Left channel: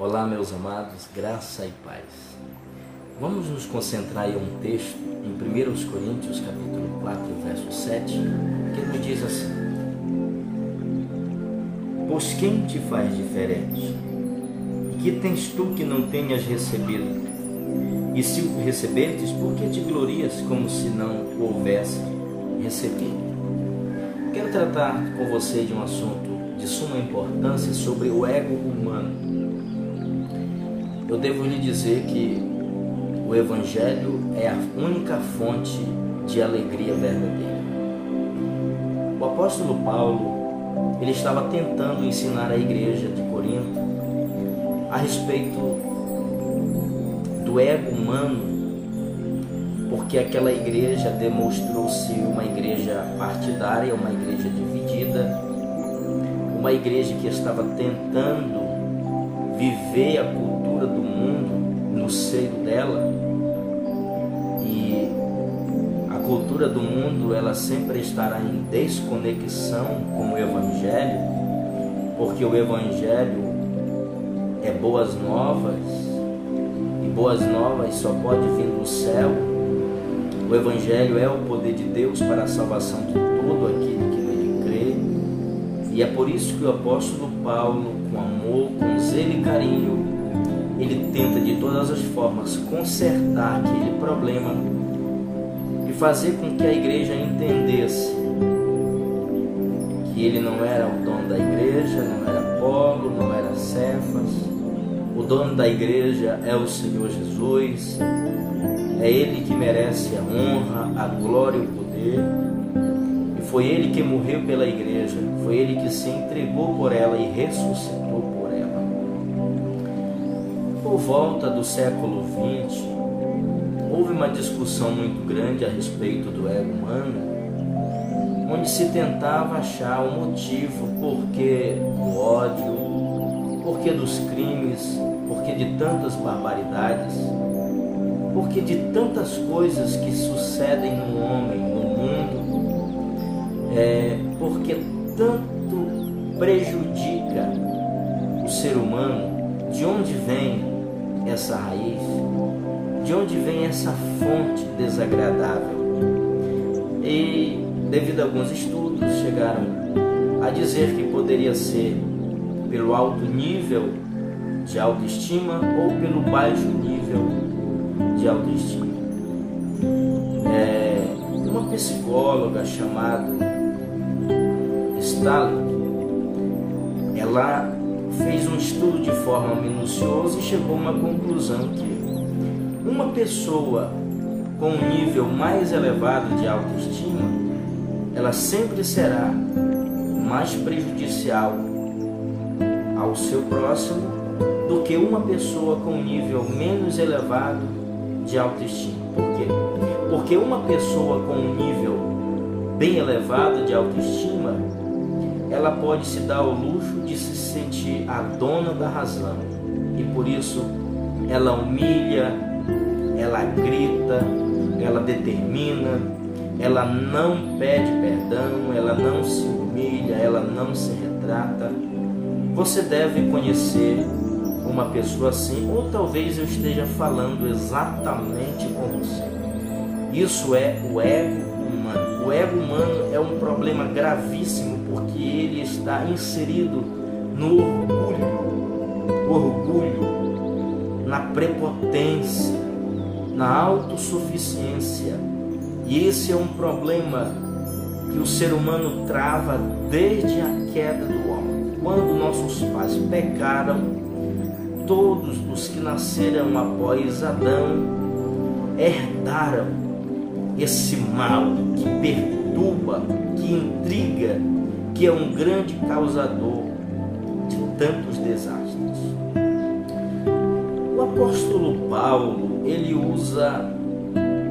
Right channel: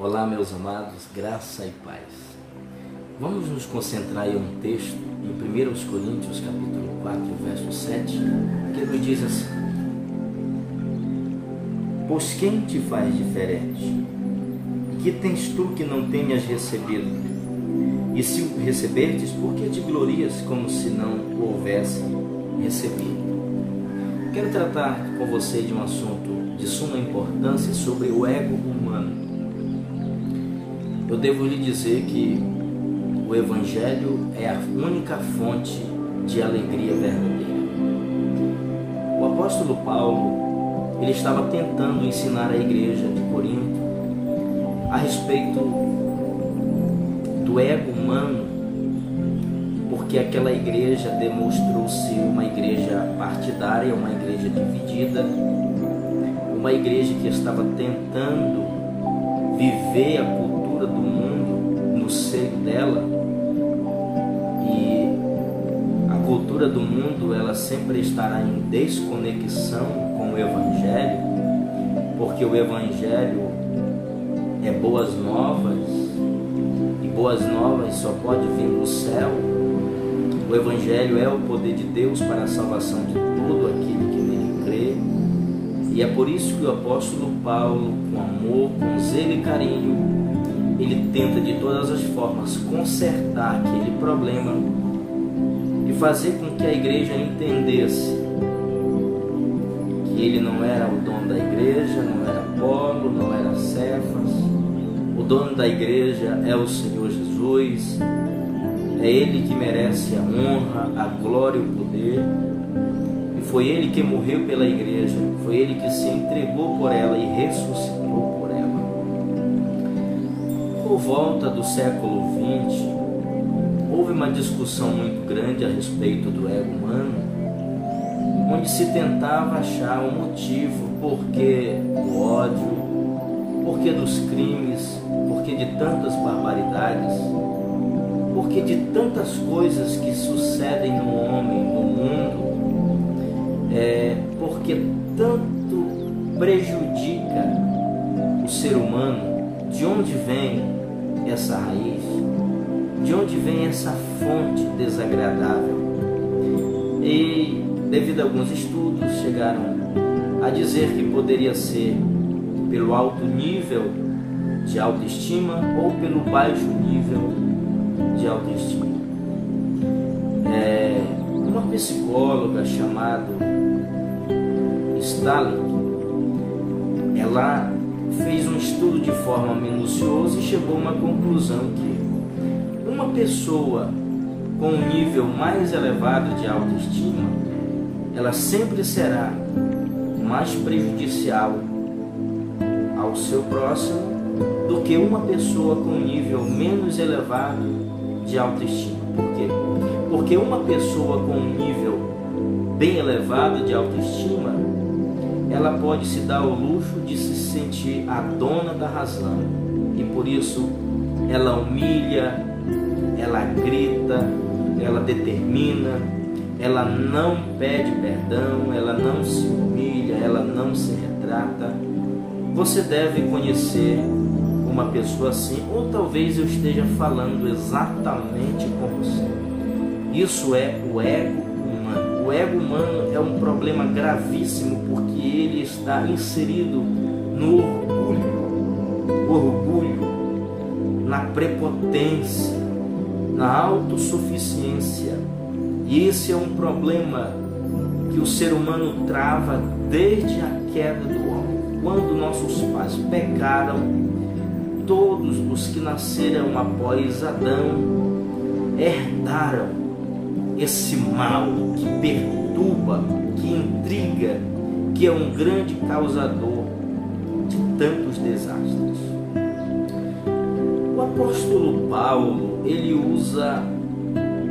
Olá, meus amados, graça e paz. Vamos nos concentrar em um texto em 1 Coríntios, capítulo 4, verso 7, que nos diz assim: Pois quem te faz diferente? E que tens tu que não tenhas recebido? E se o receberdes, por que te glorias como se não o houvesse recebido? Quero tratar com você de um assunto de suma importância sobre o ego humano. Eu devo lhe dizer que o Evangelho é a única fonte de alegria verdadeira. O apóstolo Paulo, ele estava tentando ensinar a igreja de Corinto a respeito do ego humano, porque aquela igreja demonstrou-se uma igreja partidária, uma igreja dividida, uma igreja que estava tentando viver a cultura do mundo no seio dela. E a cultura do mundo, ela sempre estará em desconexão com o Evangelho, porque o Evangelho é boas novas, e boas novas só pode vir do céu. O Evangelho é o poder de Deus para a salvação de todo aquele que nele crê. E é por isso que o apóstolo Paulo, com amor, com zelo e carinho, ele tenta de todas as formas consertar aquele problema e fazer com que a igreja entendesse que ele não era o dono da igreja, não era Apolo, não era Cefas. O dono da igreja é o Senhor Jesus. É Ele que merece a honra, a glória e o poder. E foi Ele que morreu pela igreja, foi Ele que se entregou por ela e ressuscitou por ela. Por volta do século XX, houve uma discussão muito grande a respeito do ego humano, onde se tentava achar um motivo porquê do ódio, porquê dos crimes, porquê de tantas barbaridades, porquê de tantas coisas que sucedem no homem, no mundo, porque tanto prejudica o ser humano. De onde vem essa raiz? De onde vem essa fonte desagradável? E devido a alguns estudos chegaram a dizer que poderia ser pelo alto nível de autoestima ou pelo baixo nível de autoestima. Uma psicóloga chamada Stalin, ela fez um estudo de forma minuciosa e chegou a uma conclusão que uma pessoa com um nível mais elevado de autoestima, ela sempre será mais prejudicial ao seu próximo do que uma pessoa com um nível menos elevado de autoestima. Por quê? Porque uma pessoa com um nível bem elevado de autoestima, ela pode se dar ao luxo de se sentir a dona da razão, e por isso ela humilha, ela grita, ela determina, ela não pede perdão, ela não se humilha, ela não se retrata. Você deve conhecer uma pessoa assim, ou talvez eu esteja falando exatamente com você. Isso é o ego humano. O ego humano é um problema gravíssimo, porque ele está inserido no orgulho, na prepotência, na autossuficiência. E esse é um problema que o ser humano trava desde a queda do homem. Quando nossos pais pecaram, todos os que nasceram após Adão herdaram esse mal que perturba, que intriga, que é um grande causador de tantos desastres. O apóstolo Paulo, ele usa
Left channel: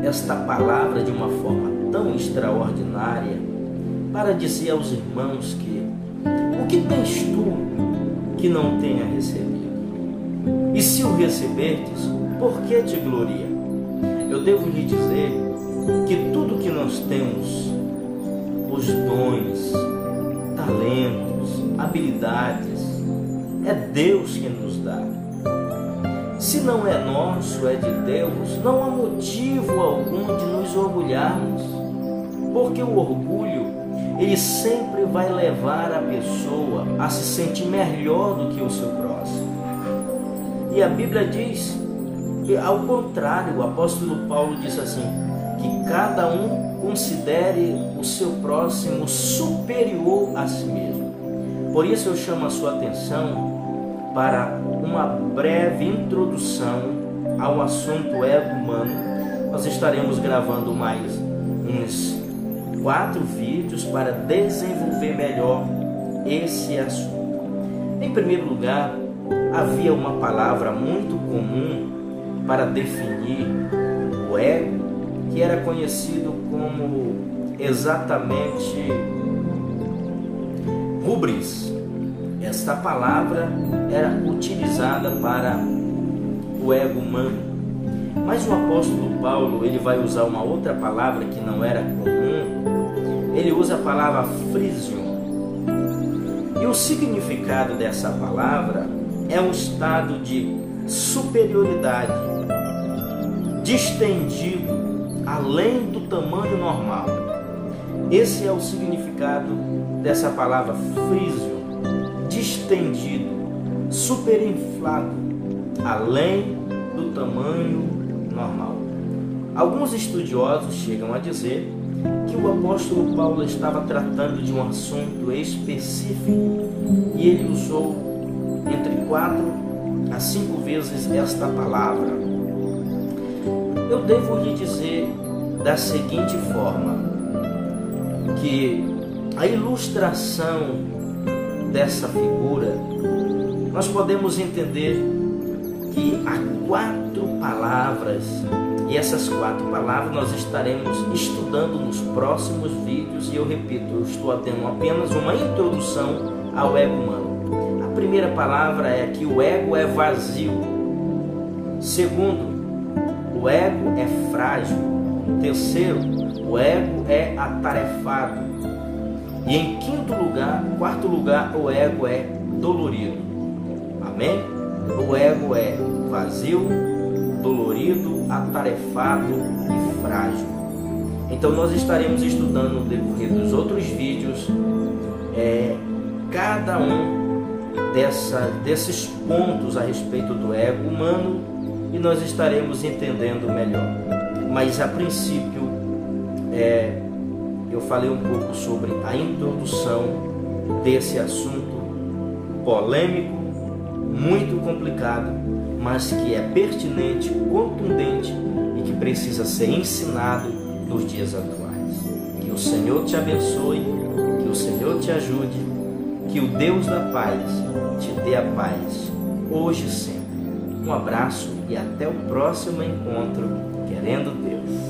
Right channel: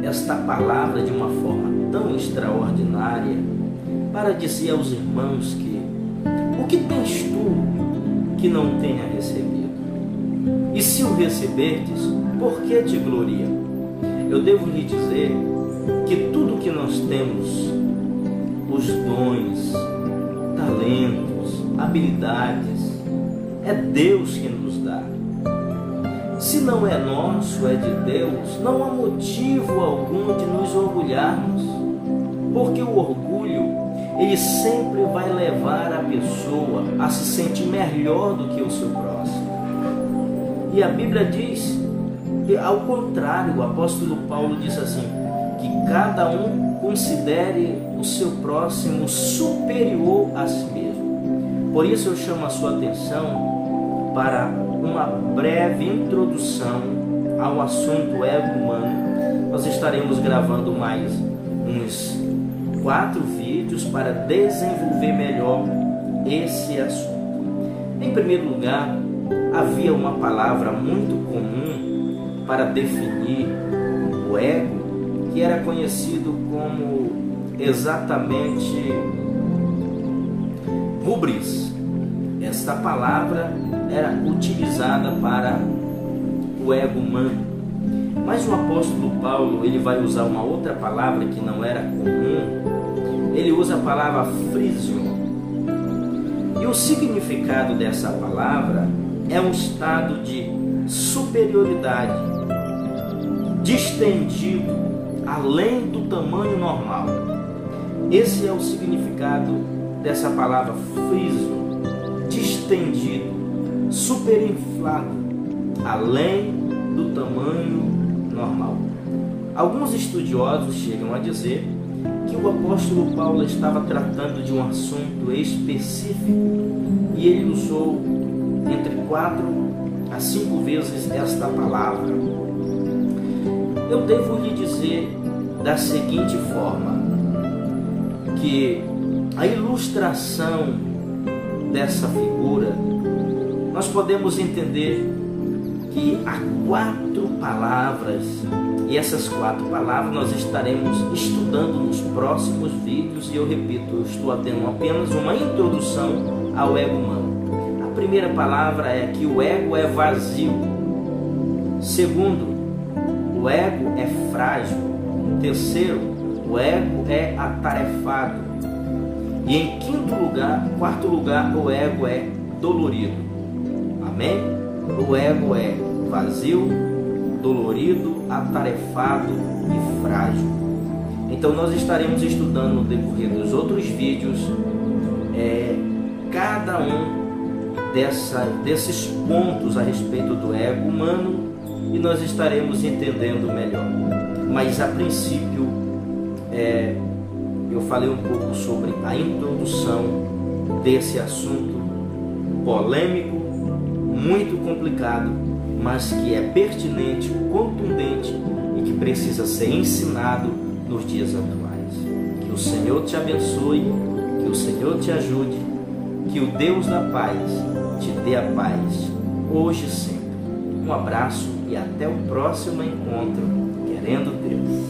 esta palavra de uma forma tão extraordinária para dizer aos irmãos que o que tens tu que não tenha recebido? E se o receberdes, por que te gloria? Eu devo lhe dizer que tudo que nós temos, os dons, talentos, habilidades, é Deus que nos dá. Se não é nosso, é de Deus, não há motivo algum de nos orgulharmos, porque o orgulho, ele sempre vai levar a pessoa a se sentir melhor do que o seu próximo. E a Bíblia diz que, ao contrário, o apóstolo Paulo diz assim, que cada um considere o seu próximo superior a si mesmo. Por isso eu chamo a sua atenção para uma breve introdução ao assunto ego humano. Nós estaremos gravando mais uns 4 vídeos para desenvolver melhor esse assunto. Em primeiro lugar, havia uma palavra muito comum para definir o ego, que era conhecido como exatamente hubris. Esta palavra era utilizada para o ego humano. Mas o apóstolo Paulo, ele vai usar uma outra palavra que não era comum. Ele usa a palavra phrysion. E o significado dessa palavra é um estado de superioridade, distendido, além do tamanho normal. Esse é o significado dessa palavra phrysion, distendido, superinflado, além do tamanho normal. Alguns estudiosos chegam a dizer que o apóstolo Paulo estava tratando de um assunto específico e ele usou entre 4 a 5 vezes esta palavra. Eu devo lhe dizer da seguinte forma, que a ilustração dessa figura, nós podemos entender que há 4 palavras, e essas 4 palavras nós estaremos estudando nos próximos vídeos, e eu repito, eu estou tendo apenas uma introdução ao ego humano. A primeira palavra é que o ego é vazio. Segundo, o ego é frágil. Terceiro, o ego é atarefado. E em quarto lugar, o ego é dolorido. Amém? O ego é vazio, dolorido, atarefado e frágil. Então nós estaremos estudando no decorrer dos outros vídeos cada um desses pontos a respeito do ego humano, e nós estaremos entendendo melhor. Mas a princípio eu falei um pouco sobre a introdução desse assunto polêmico, muito complicado, mas que é pertinente, contundente e que precisa ser ensinado nos dias atuais. Que o Senhor te abençoe, que o Senhor te ajude, que o Deus da paz te dê a paz, hoje e sempre. Um abraço e até o próximo encontro, querendo Deus.